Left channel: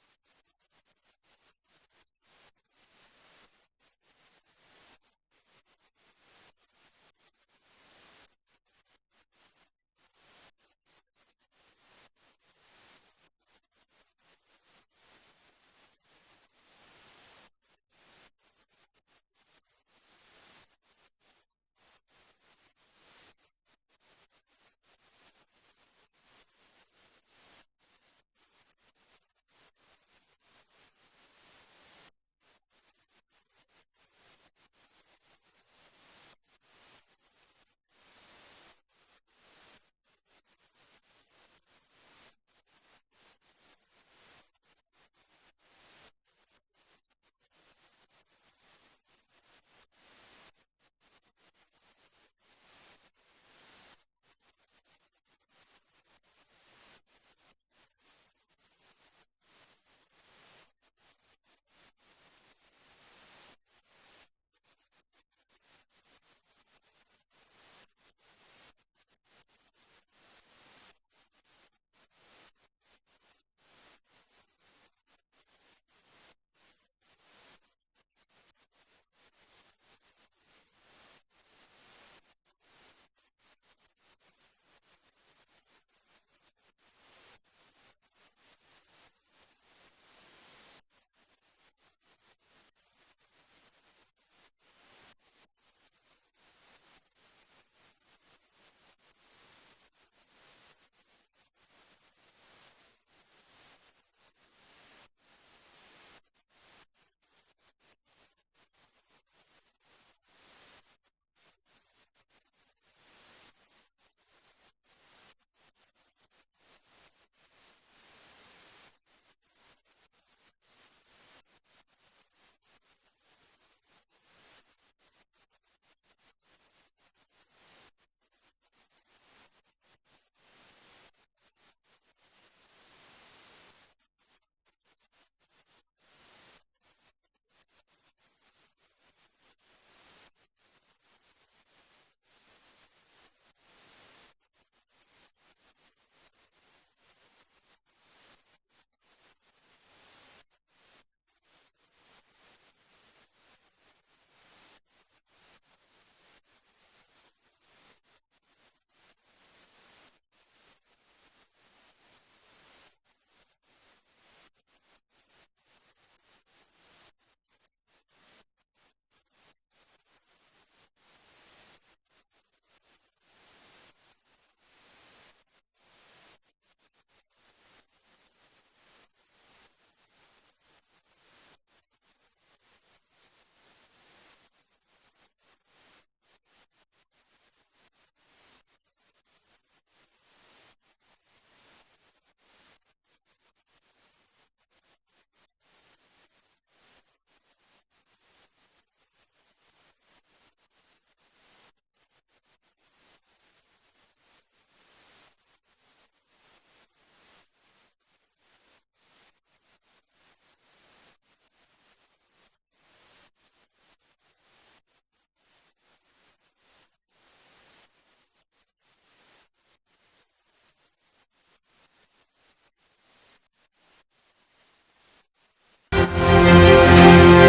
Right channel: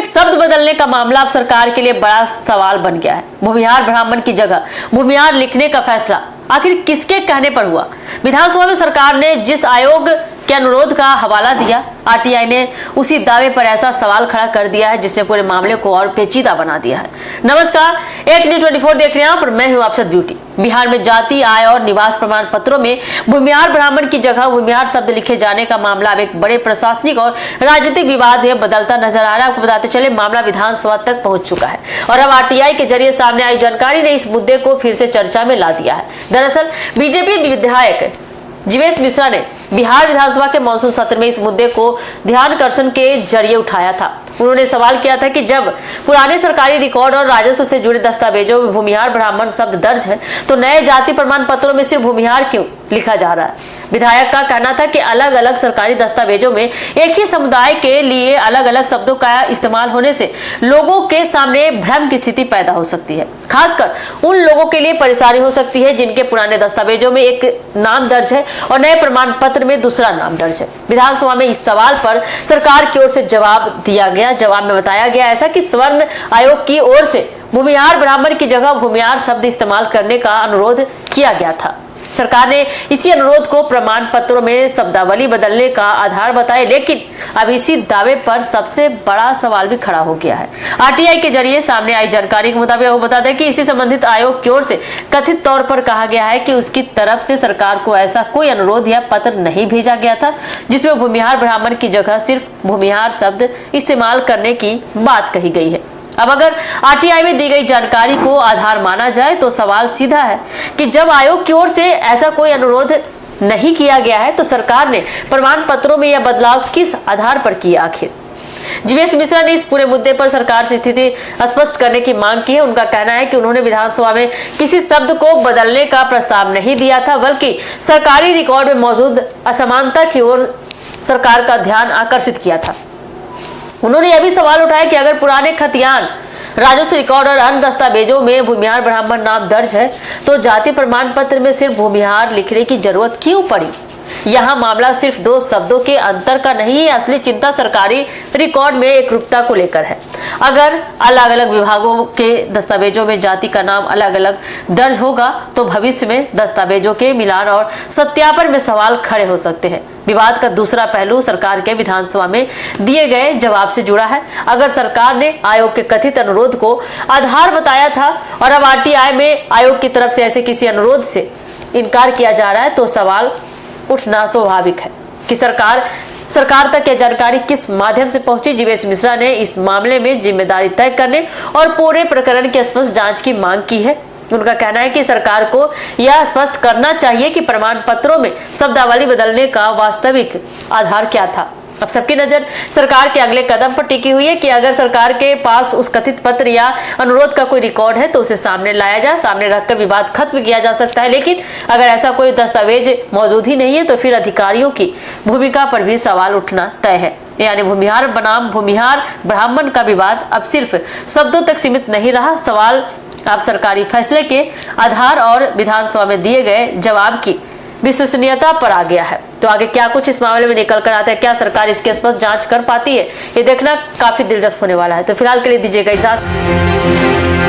एक शब्द बदलने का मामला अब सरकार के लिए बड़ा सवाल बन गया है। भूमिहार ब्राह्मण की जगह भूमिहार लिखने का फैसला आखिर किसके कहने पर हुआ? विधानसभा में सरकार ने जिस आयोग के अनुरोध का हवाला दिया, आरटीआई ने उसी दावे पर ऐसा सवाल खड़ा कर दिया है जिसने पूरे मामले को और पेचीदा बना दिया है। नमस्कार, एक न्यूज़ 24 देख रहे हैं आप और मैं हूं आपसे ब्यूटी। बिहार में जाति, आय और निवास प्रमाण पत्रों में भूमिहार ब्राह्मण की जगह भूमिहार शब्द लिखे जाने का मामला अब एक बड़े प्रशासनिक और राजनीतिक विवाद में बदलता नजर आ रहा है। आपको बताते चले, मामला विधानसभा तक पहुंच चुका है और अब आरटीआई के जरिए सामने आई जानकारी ने इस मुद्दे को फिर से चर्चा में ला दिया है। दरअसल बीजेपी विधायक जीवेश मिश्रा ने बिहार विधानसभा के मानसून सत्र में इस मुद्दे को ध्यानाकर्षण के जरिए उठाया था। उन्होंने सवाल किया था कि जब पुराने सरकारी रिकॉर्ड और राजस्व से जुड़े दस्तावेजों में भूमिहार ब्राह्मण शब्द दर्ज है तो नए जाति प्रमाण पत्रों में सिर्फ भूमिहार क्यों लिखा जा रहा है? विधायक का कहना था कि अलग अलग सरकारी दस्तावेजों में एक ही समुदाय के लिए अलग अलग शब्दों का इस्तेमाल होने से लोगों के सामने भ्रम की स्थिति पैदा हो सकती है। खासकर उन लोगों के लिए परेशानी हो सकती है जिनके पुराने दस्तावेजों में एक नाम दर्ज है और नए प्रमाण पत्र में दूसरा नाम दर्ज है। विधानसभा में इस सवाल पर सरकार की ओर से जवाब दिया गया। जवाब में बताया गया ऐसा कि स्वर्ण आयोग की ओर से भूमिहार ब्राह्मण की जगह भूमिहार शब्द इस्तेमाल करने का अनुरोध किया गया था। सरकार ने इसी अनुरोध को प्रमाण पत्रों में शब्दावली बदलने का आधार बताया, लेकिन अब इसी दावे पर सबसे बड़ा सवाल भी खड़ा हो गया है। आरटीआई के जरिए सामने आई जानकारी के मुताबिक वो बता दें कि इसी संबंधित आयोग की ओर से कथित तौर पर कहा गया है कि उसकी तरफ से सरकार को ऐसा कोई अनुरोध या पत्र नहीं भेजा गया था जिसमें भूमिहार ब्राह्मण की जगह सिर्फ भूमिहार शब्द इस्तेमाल करने की बात कही गई है। अब अगर आरटीआई में दी गई जानकारी को आधार माना जाए तो सवाल सीधा है कि जब आयोग की ओर से ऐसा कोई अनुरोध नहीं किया गया है तो सरकार ने प्रमाण पत्रों में यह बदलाव किस आधार पर किया? आखिर जीवेश मिश्रा ने इस पूरे मुद्दे पर सरकार से स्थिति स्पष्ट करने की मांग की है। उनका कहना है कि उन्होंने विधानसभा में किसी शब्द को बदलने का प्रस्ताव नहीं दिया था, बल्कि सरकारी रिकॉर्ड में मौजूद असमानता की ओर सरकार का ध्यान आकर्षित किया था। उन्होंने यह भी सवाल उठाया कि अगर पुराने खतियान, राजस्व रिकॉर्ड और अन्य दस्तावेजों में भूमिहार ब्राह्मण नाम दर्ज है तो जाति प्रमाण पत्र में सिर्फ भूमिहार लिखने की जरूरत क्यों पड़ी? यहाँ मामला सिर्फ दो शब्दों के अंतर का नहीं है, असली चिंता सरकारी रिकॉर्ड में एकरूपता को लेकर है। अगर अलग अलग विभागों के दस्तावेजों में जाति का नाम अलग अलग दर्ज होगा तो भविष्य में दस्तावेजों के मिलान और सत्यापन में सवाल खड़े हो सकते हैं। विवाद का दूसरा पहलू सरकार के विधानसभा में दिए गए जवाब से जुड़ा है। अगर सरकार ने आयोग के कथित अनुरोध को आधार बताया था और अब आरटीआई में आयोग की तरफ से ऐसे किसी अनुरोध से इनकार किया जा रहा है तो सवाल उठना स्वाभाविक है कि सरकार तक यह जानकारी किस माध्यम से पहुंची। जीवेश मिश्रा ने इस मामले में जिम्मेदारी तय करने और पूरे प्रकरण की स्पष्ट जांच की मांग की है। उनका कहना है कि सरकार को यह स्पष्ट करना चाहिए कि प्रमाण पत्रों में शब्दावली बदलने का वास्तविक आधार क्या था। अब सबकी नजर सरकार के अगले कदम पर टिकी हुई है कि अगर सरकार के पास उस कथित पत्र या अनुरोध का कोई रिकॉर्ड है तो उसे सामने लाया जाए, सामने रखकर विवाद खत्म किया जा सकता है। लेकिन अगर ऐसा कोई दस्तावेज मौजूद ही नहीं है तो फिर अधिकारियों की भूमिका पर भी सवाल उठना तय है। यानी भूमिहार बनाम भूमिहार ब्राह्मण का विवाद अब सिर्फ शब्दों तक सीमित नहीं रहा। सवाल अब सरकारी फैसले के आधार और विधानसभा में दिए गए जवाब की विश्वसनीयता पर आ गया है। तो आगे क्या कुछ इस मामले में निकल कर आता है, क्या सरकार इसकी स्पष्ट जांच कर पाती है, ये देखना काफी दिलचस्प होने वाला है। तो फिलहाल के लिए दीजिएगा इजाजत।